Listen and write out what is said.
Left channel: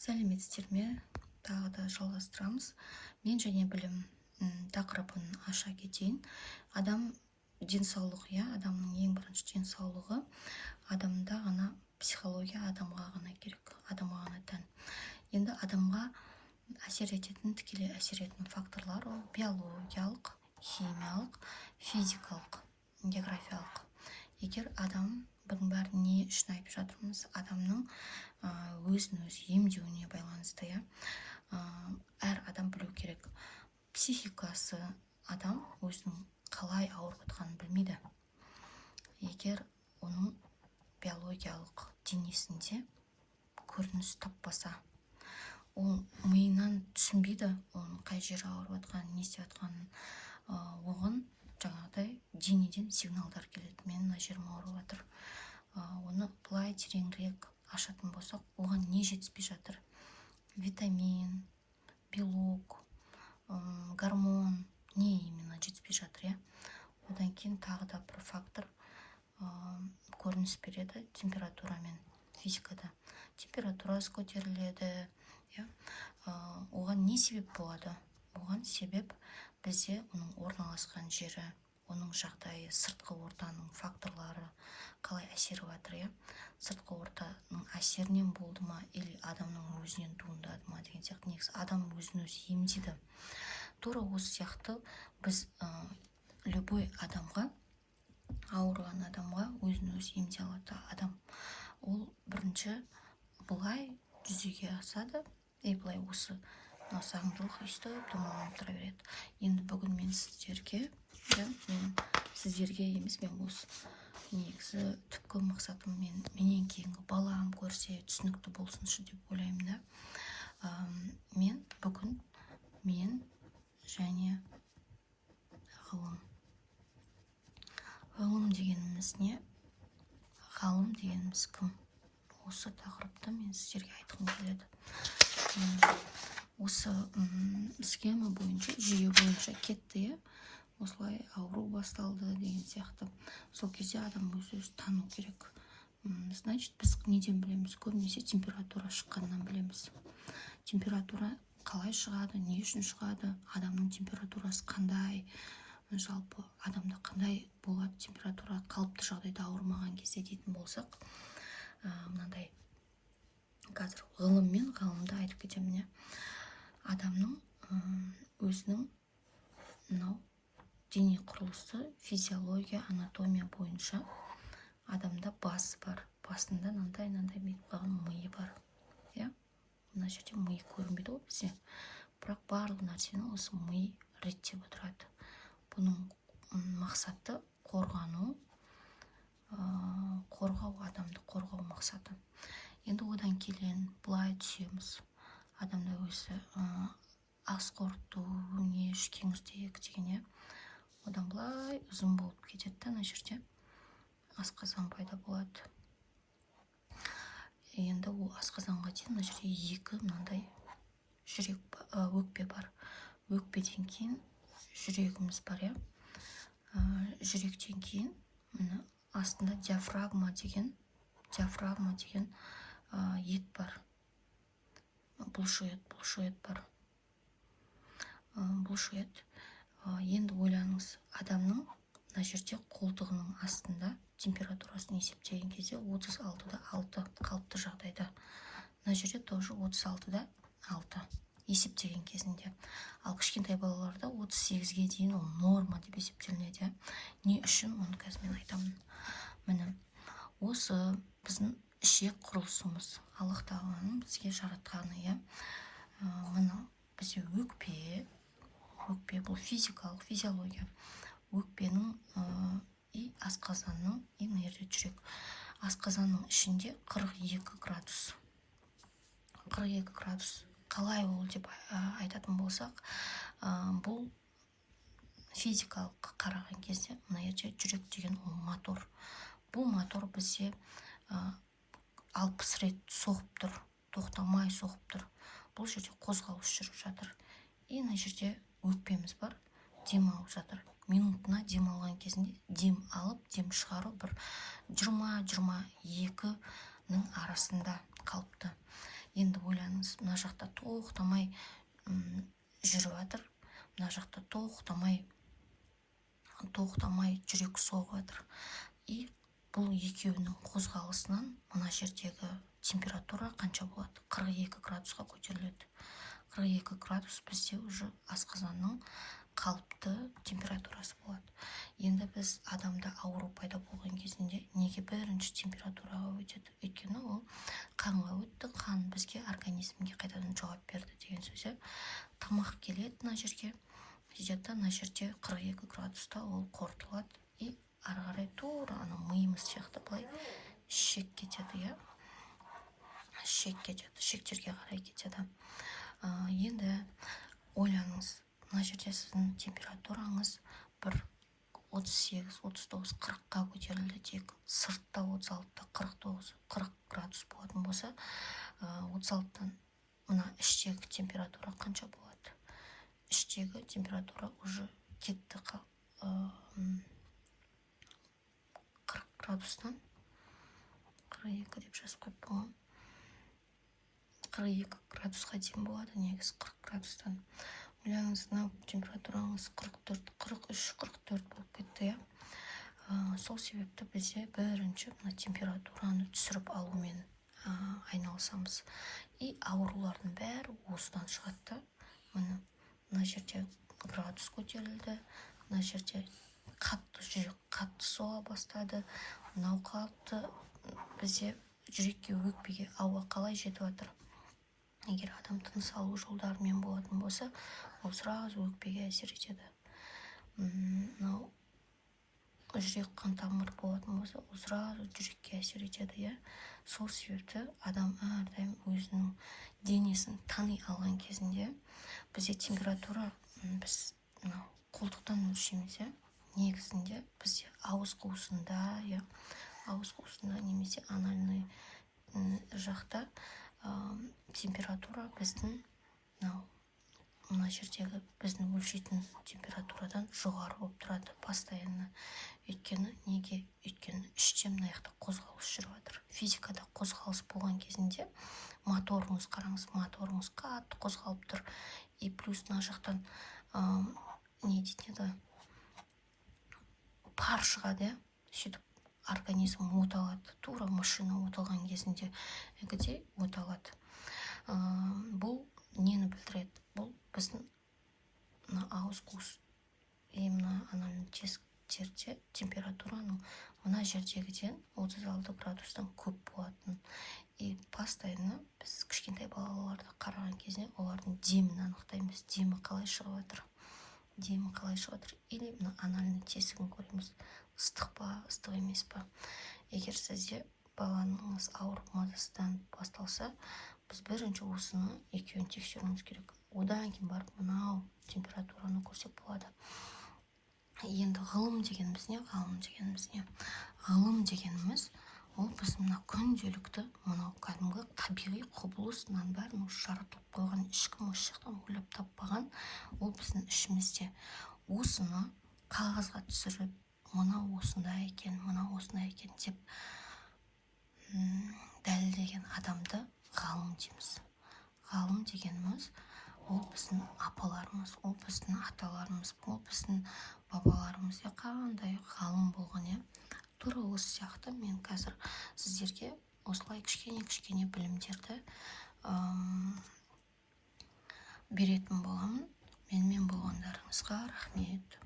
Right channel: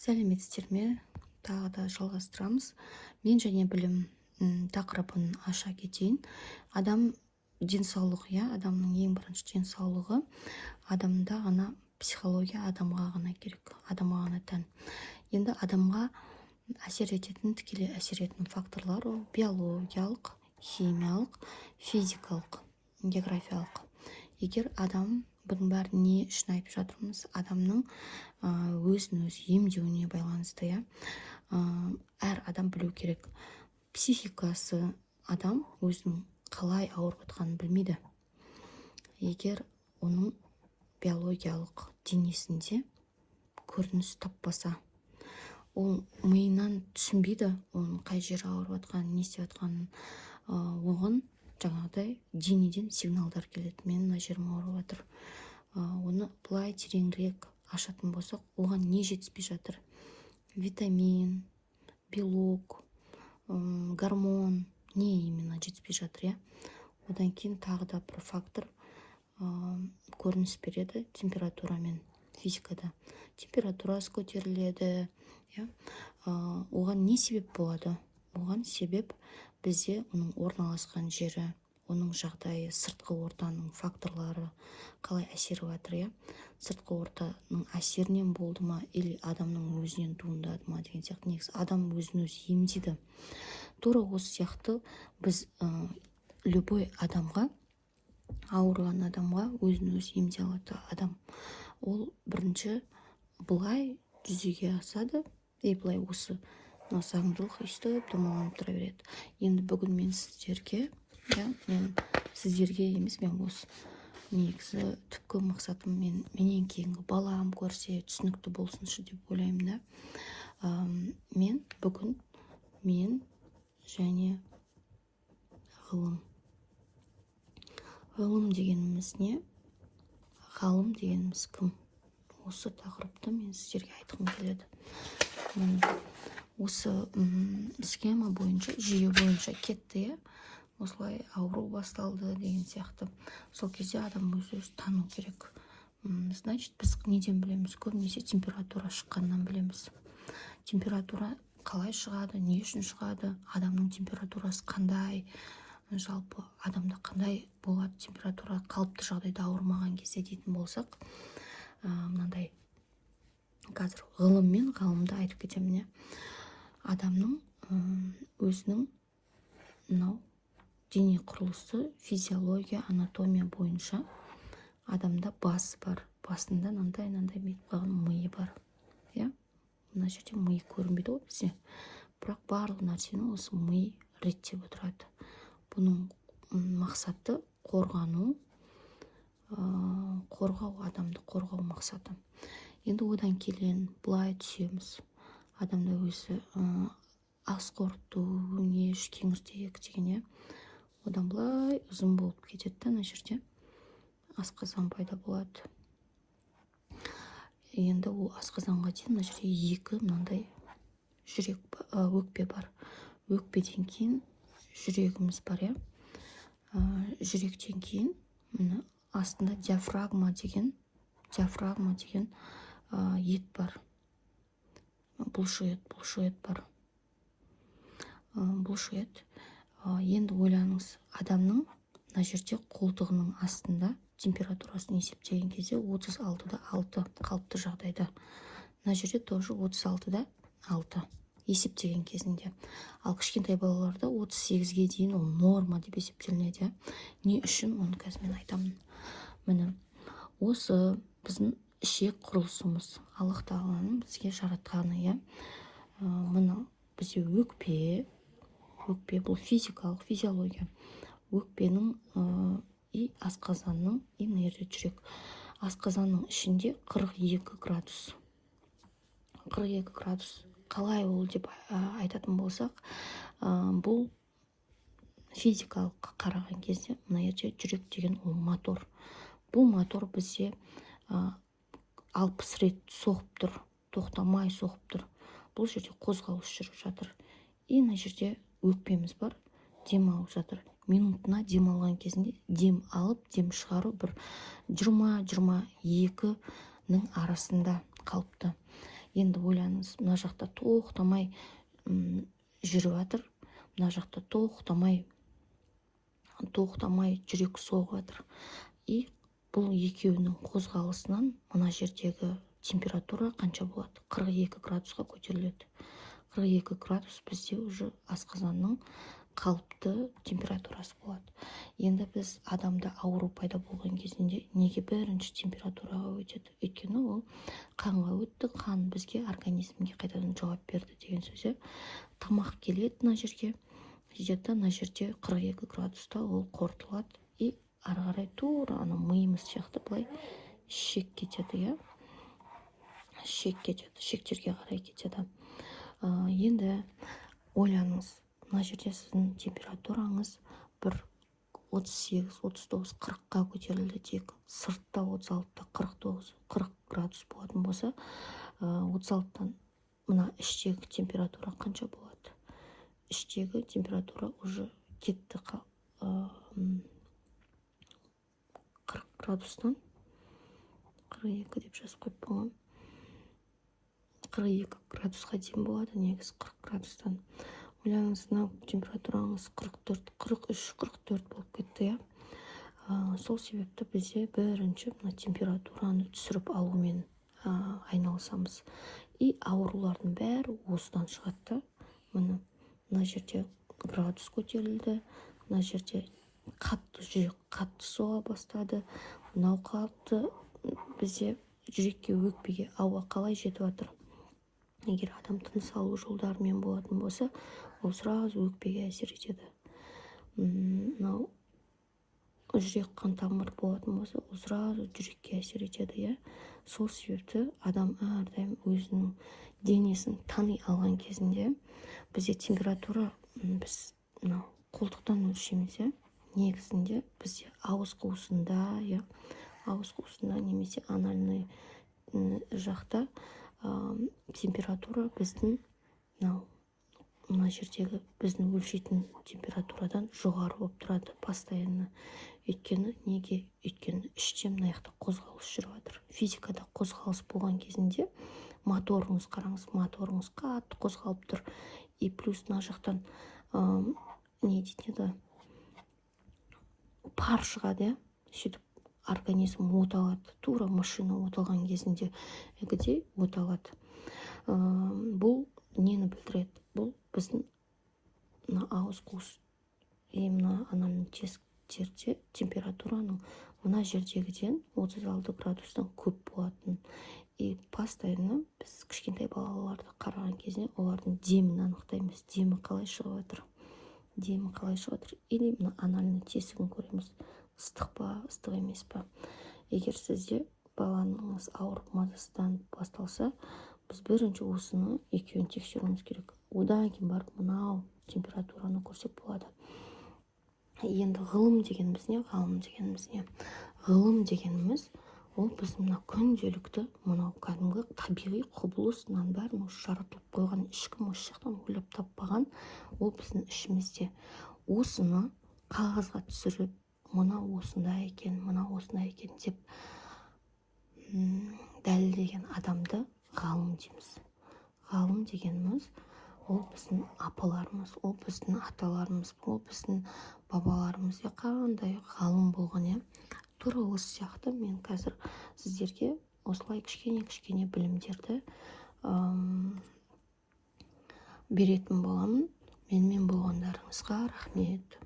Сәлеметсіздер ме? Тағы да жалғастырамыз. Мен және білім тақырыбын аша кетейін. Адам денсаулығы, адамның ең бірінші денсаулығы адамда ғана, психология адамға ғана керек, адамға ғана тән. Енді адамға әсер ететін, тікелей әсер ететін факторлар ол биологиялық, химиялық, физикалық, географиялық. Егер адам, бұның бәрін не үшін айтып жатырмыз? Адамның өзін өзі емдеуіне байланысты, әр адам білу керек. Психикасы адам өзінің қалай ауырып жатқанын білмейді. Егер оның биологиялық денесінде көрініс таппаса, ол миынан түсінбейді, оның қай жері ауырып жатқанын, не істеп жатқанын. Оған жаңағыдай денеден сигналдар келеді. Мен мына жерім ауырып жатыр. Оны былай тереңірек ашатын болсақ, оған не жетіспей жатыр? Витамин, белок, гормон, не именно жетіспей жатыр, Одан кейін тағы да бір фактор көрініс береді температурамен. Физикада температурасы көтеріледі, Оған не себеп болады? Оған себеп бізде оның орналасқан жері, оның жағдайы, сыртқы ортаның факторлары қалай әсер жатыр, Сыртқы ортаның әсерінен болды ма, или адамның өзінен туындады ма деген сияқты. Негізі адам өзін өзі емдейді. Тура осы сияқты біз любой адамға, ауырған адамға өзін өзі емдей алады адам. Ол бірінші былай жүзеге асады, былай осы заңдылық өйстіп домаланып тұра береді. Енді бүгін мен сіздерге, емес, мен осы негізі түпкі мақсатым менен кейінгі балам көрсе түсінікті болсыншы деп ойлаймын. Бүгін мен және ғылым. Ғылым дегеніміз не? Ғалым дегеніміз кім? Осы тақырыпты мен сіздерге айтқым келеді. Осы схема бойынша, жүйе бойынша кетті, осылай ауру басталды деген сияқты. Сол кезде адам өзі тану керек. Значит, біз неден білеміз? Көбінесе температура шыққаннан білеміз. Температура қалай шығады, не үшін шығады, адамның температурасы қандай, жалпы адамда қандай болады температура қалыпты жағдайда ауырмаған кезде дейтін болсақ, мынандай қазір ғылым мен ғалымды айтып кетемін. Адамның өзінің мынау дене құрылысы, физиология, анатомия бойынша адамда басы бар. Басында мынандай бетіп қалған миы бар. Мына жерде миы көрінбейді ғой бізде. Бірақ барлық нәрсені осы ми реттеп отырады. Бұның мақсаты қорғау, адамды қорғау мақсаты. Енді одан келген былай түсеміз. Адамда өзі ас қорыту, өңеш, кеңістік деген, одан былай ұзын болып кетеді. Ана жерде асқазан пайда болады. Енді ол асқазанға дейін мына жерде екі мынандай өкпе бар. Өкпеден кейін жүрегіміз бар, жүректен кейін астында диафрагма деген ет бар. Бұлшық ет бар. Енді ойлаңыз, адамның мына жерде қолтығының астында температурасын есептеген кезде 36-да 6 қалыпты жағдайда. Мына жерде тоже 36-да 6 есептеген кезінде. Ал кішкентай балаларда 38-ге дейін ол норма деп есептелінеді. Не үшін? Оны қазір мен айтамын. Міне, осы біздің ішек құрылысымыз, Аллах тағаланың бізге жаратқаны, мына бізде өкпе бұл физиология. Өкпенің и асқазанның, и мына жерде жүрек. Асқазанның ішінде 42 градус. 42 градус. Қалай ол деп айтатын болсақ, бұл физикалық қараған кезде мына жерде жүрек деген ол мотор. Бұл мотор бізде 60 рет соғып тұр, тоқтамай соғып тұр. Бұл жерде қозғалыс жүріп жатыр. И мына жерде өкпеміз бар, дем алып жатыр. Минутына дем алған кезінде дем алып, дем шығару бір 20-22-нің арасында қалыпты. Енді ойлаңыз, мына жақта тоқтамай жүріп жатыр, мына жақта тоқтамай жүрек соғып жатыр. И бұл екеуінің қозғалысынан мына жердегі температура қанша болады? 42 градусқа көтеріледі. 42 градус бізде уже асқазанның қалыпты температурасы болады. Енді біз адамда ауру пайда болған кезінде неге бірінші температураға өтеді? Өйткені ол қанға өтті, қан бізге организмге қайтадан жауап берді деген сөз. Тамақ келеді мына жерге, сөйтеді, мына жерде 42 градуста ол қорытылады и ары қарай тура ана миымыз сияқты былай шек кетеді, шек кетеді, шектерге қарай кетеді. Енді ойланыңыз, мына жерде сіздің температураңыз бір 38-39, 40-қа көтерілді дейік. Сыртта 36-та 40 градус болатын болса, 36-тан мына іштегі температура қанша болады? Іштегі температура уже кетті 40 градустан 42 деп жазып қойып болған. 42 градусқа дейін болады, негізі 40 градустан. Ойлаңыз, мына температураңыз 44, 43, 44 болып кетті. Сол себепті бізде бірінші мына температураны түсіріп алумен айналысамыз. И аурулардың бәрі осыдан шығады. Мына жерде градус көтерілді, мына жерде жүрек қатты соға бастады. Мынау қалыпты бізде жүрекке, өкпеге ауа қалай жетіп жатыр? Егер адам тыныс алу жолдарымен болатын болса, ол сразу өкпеге әсер етеді. Мынау жүрек қан тамыр болатын болса, ол сразу жүрекке әсер етеді. Сол себепті адам әрдайым өзінің денесін тани алған кезінде бізде температура, біз қолтықтан өлшейміз. Негізінде бізде ауыз қуысында немесе анальный жақта температура біздің мына жердегі біздің өлшейтін температурадан жоғары болып тұрады постоянно. Өйткені неге? Өйткені іште мына жақта қозғалыс жүріп жатыр. Физикада қозғалыс болған кезінде моторыңыз қараңыз, моторыңыз қатты қозғалып тұр. И плюс мына жақтан не дейді, пар шығады, сөйтіп организм оталады. Тура машина оталған кезінде где оталады. Бұл нені білдіреді? Бұл біздің ауыз қуыс мына анальный тесіктерде температураның мына жердегіден 36 градустан көп болатын. И постоянно біз кішкентай балаларды қараған кезде олардың демін анықтаймыз. Демі қалай шығып жатыр? Демі қалай шығып жатыр? Или мына анальный тесігін көреміз. Ыстық па, ыстық емес па? Егер сізде балаңыз ауырып мазасызданып басталса, біз бірінші осыны екеуін тексеруіміз керек. Одан кейін барып мынау температураны көрсек болады. Енді ғылым дегеніміз не? Ғылым дегеніміз ол біздің мына күнделікті мынау кәдімгі табиғи құбылысынан бәрін жаратылып қойған, ешкім осы жақтан ойлап таппаған. Ол біздің ішімізде. Осыны қағазға түсіріп, мынау осындай екен деп дәлелдеген адамды ғалым дейміз. Ғалым дегеніміз ол біздің апаларымыз, ол біздің аталарымыз, ол біздің бабаларымыз. Қандай ғалым болған. Тура осы сияқты мен қазір сіздерге осылай кішкене білімдерді беретін боламын. Менімен болғандарыңызға рахмет.